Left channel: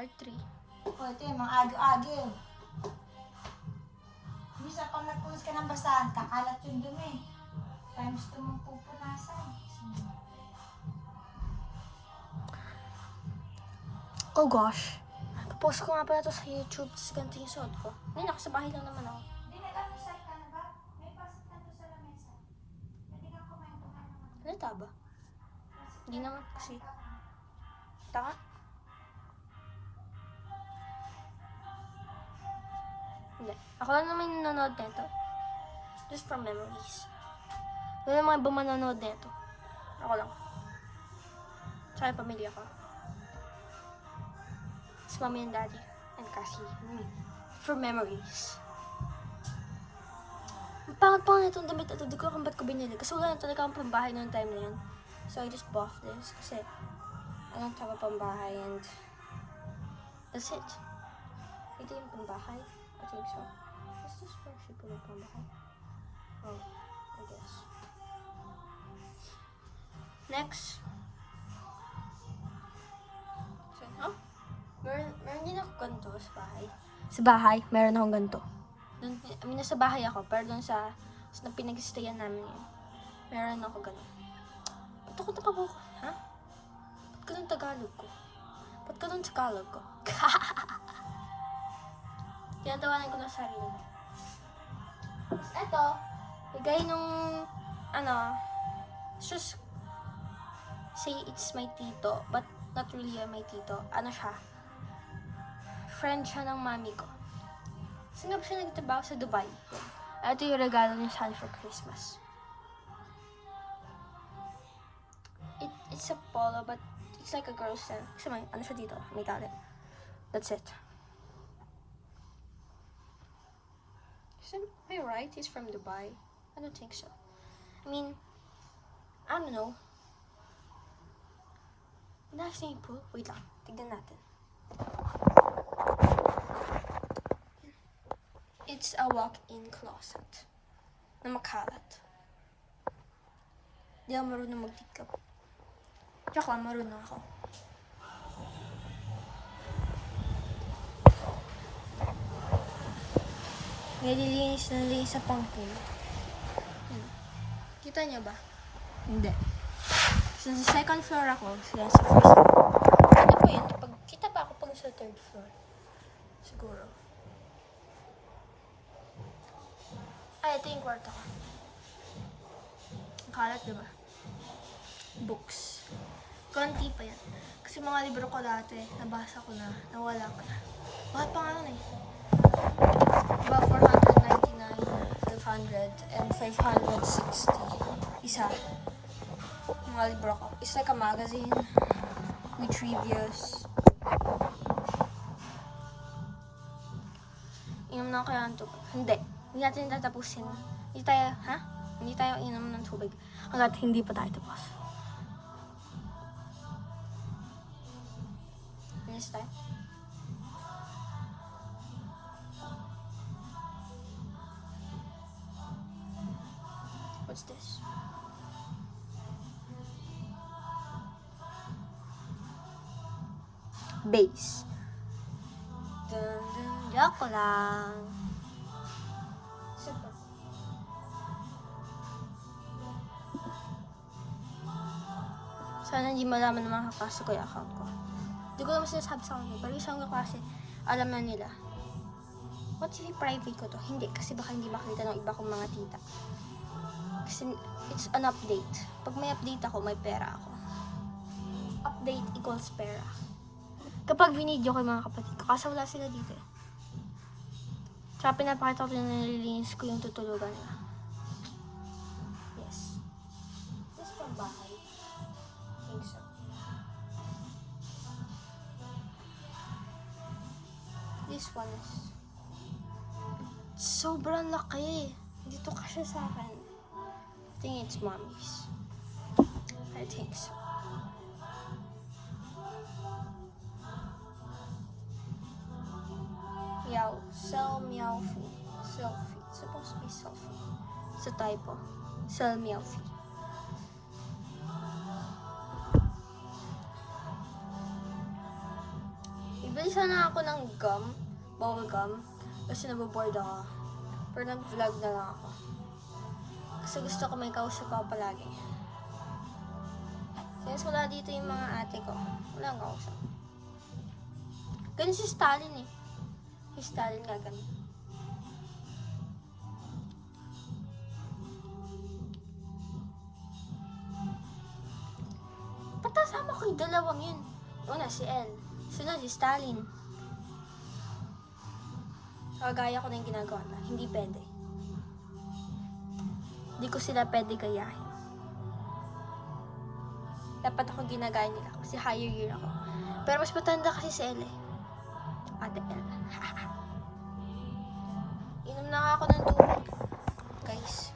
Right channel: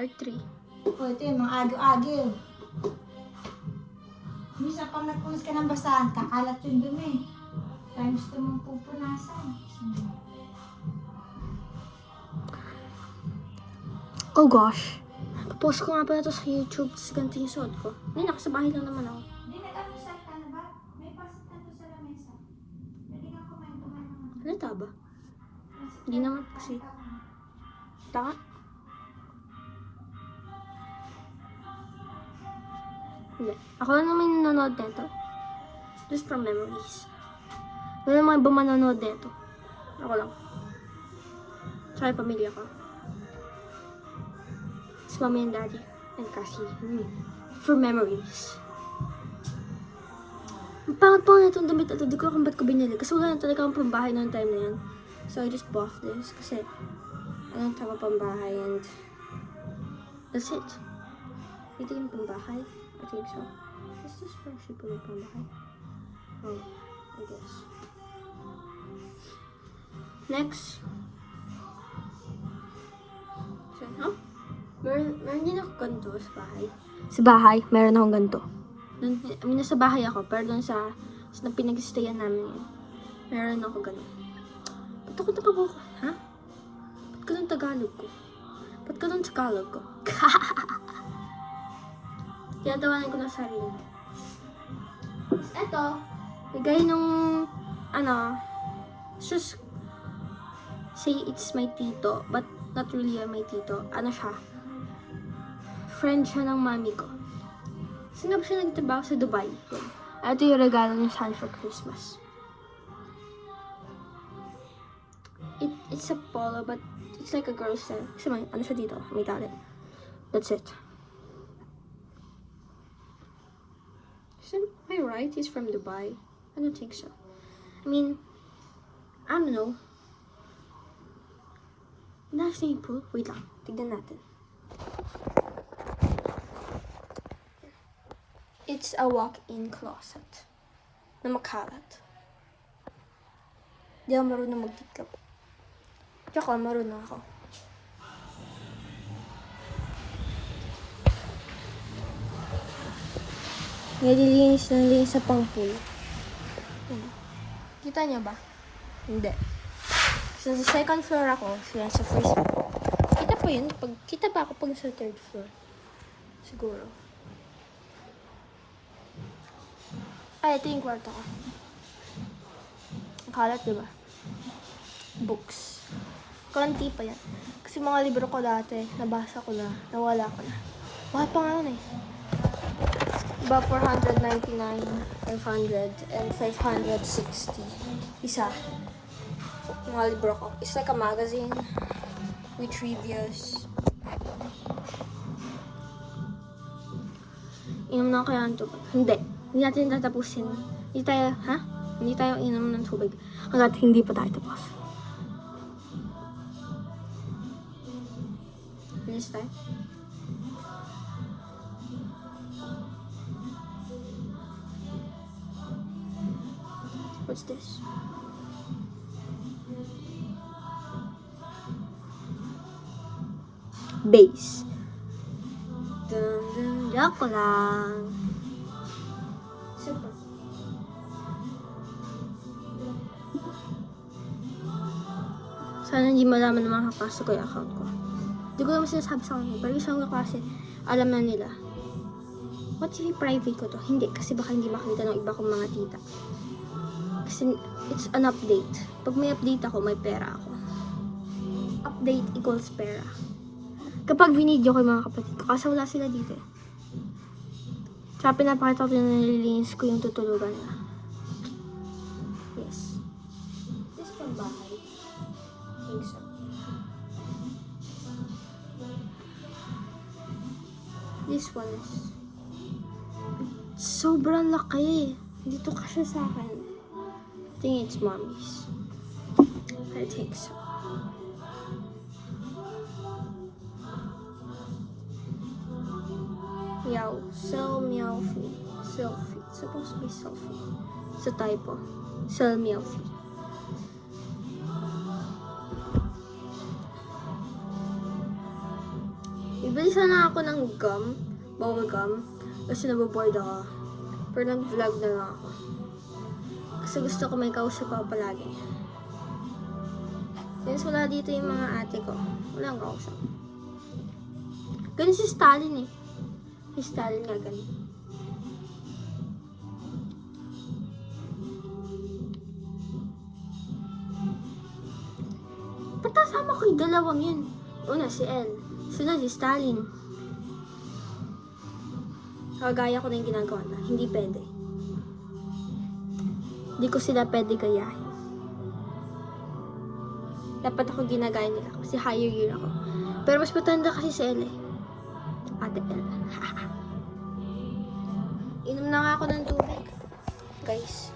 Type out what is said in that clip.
part 3. O, ito yung mga agil-agil. Minsan pag nagpunas ka ng basahan, kakalat yung dumi. Kaya gusto mong pupunasan. Oh gosh. Post ko nga pala to sa YouTube, tapos ganito yung suot ko. Ngayon, nasa bahay lang naman ako. Hindi, nag-almusal ka na ba? May pasit na to sa lamesa. Hindi ka kumain naman. Halata ba? Hindi naman kasi. Taka? Hindi. Ako lang naman yung nanonood nito. Just for memories. Wala naman ibang manonood nito. Ako lang. Tsaka yung pamilya ko. It's mommy and daddy. And Cassie. For memories. Ang pangat pa nga itong damit na ito. Di ko alam ba't ko binili. Kasi wala na talaga akong pambahay noong time na yan. So I just bought this. Kasi walang tama pambahay. And that's it. Ito yung pambahay. I think so. Is this actually po yung pambahay? Oh, I guess. Next. So, oh? Meron din ako ganito sa bahay. Sa bahay, meron akong ganito. Nasa bahay ako, pero dun sa pinag-stayan namin yun. Meron ako ganito. Ba't ako napabuka? Ha? Ba't ka dun Tagalog ko? Ba't ka dun Tagalog ko? Tinatawanan ko na sarili. Ito, gaya nung, just say it's my tito, but not really my tito. Ano siya? Friend siya ng mami ko. Sino ba siya nagtrabaho sa Dubai? Yan. Ito yung regalo niya sa akin for Christmas. It's a polo, but it's like a girl's style. Kasi may, ano siya dito? May tali. That's it. Am I right? He's from Dubai? I don't think so. I mean, I don't know. Next thing po, wait lang. Tignan natin. It's a walk-in closet na makalat. Di ako marunong magtiklop. Tsaka marunong ako. Nililinis ng linis sa pang-pool. Kita niya ba? Hindi. So, sa second floor ako, siya sa first floor. Kita po yun? Kita ba ako pag sa third floor? Siguro. Ay, ito yung kwarto ko. Ang kalat, diba? Books. Konti pa yan. Kasi mga libro ko dati, nabasa ko na, nawala ko na. Mahal pa nga nun eh. Diba 499, 500, and 560. Isa. Mga libro ko. It's like a magazine with reviews. Inom na kaya ng tubig. Hindi natin tatapusin. Hindi tayo inom ng tubig. Hanggat hindi pa tayo tapos. Finish tayo? What's this? Base. Joke lang. Super. Sana hindi malaman ng mga kaklase ko yung account ko. Hindi ko naman sinasabi sa kanila. Pero isang kaklase, alam na nila. What if private ko to? Hindi, kasi baka hindi makita ng iba kong mga tita. Kasi it's an update. Pag may update ako, may pera ako. Update equals pera. Kapag video ko yung mga kapatid ko, kasi wala sila dito eh. Tsaka pinapakita ko na nililinis ko yung tutulugan na. Yes. This from bahay. I think so. This one is sobrang laki. Dito kasi sa akin. I think it's mommy's. I think so. Meow. Sell meow fee. Selfie. It's supposed to be selfie. It's a typo. Sell meow fee. Bili sana ako ng gum, bubble gum, kasi naboboard ako. Pero nag-vlog na lang ako. Kasi gusto ko may kausap ako palagi. Since wala dito yung mga ate ko, wala akong kausap. Ganun si Stalin eh. Si Stalin nga ganun. Patasama ko yung dalawang yun. Una si El. Sunod si Stalin. Kagaya ko na yung ginagawa na. Hindi pwede. Hindi ko sila pwede gayahin. Dapat ako ginagaya nila kasi higher year ako. Pero mas matanda kasi si El eh. Ate El. Inom na nga ako ng tubig. Guys.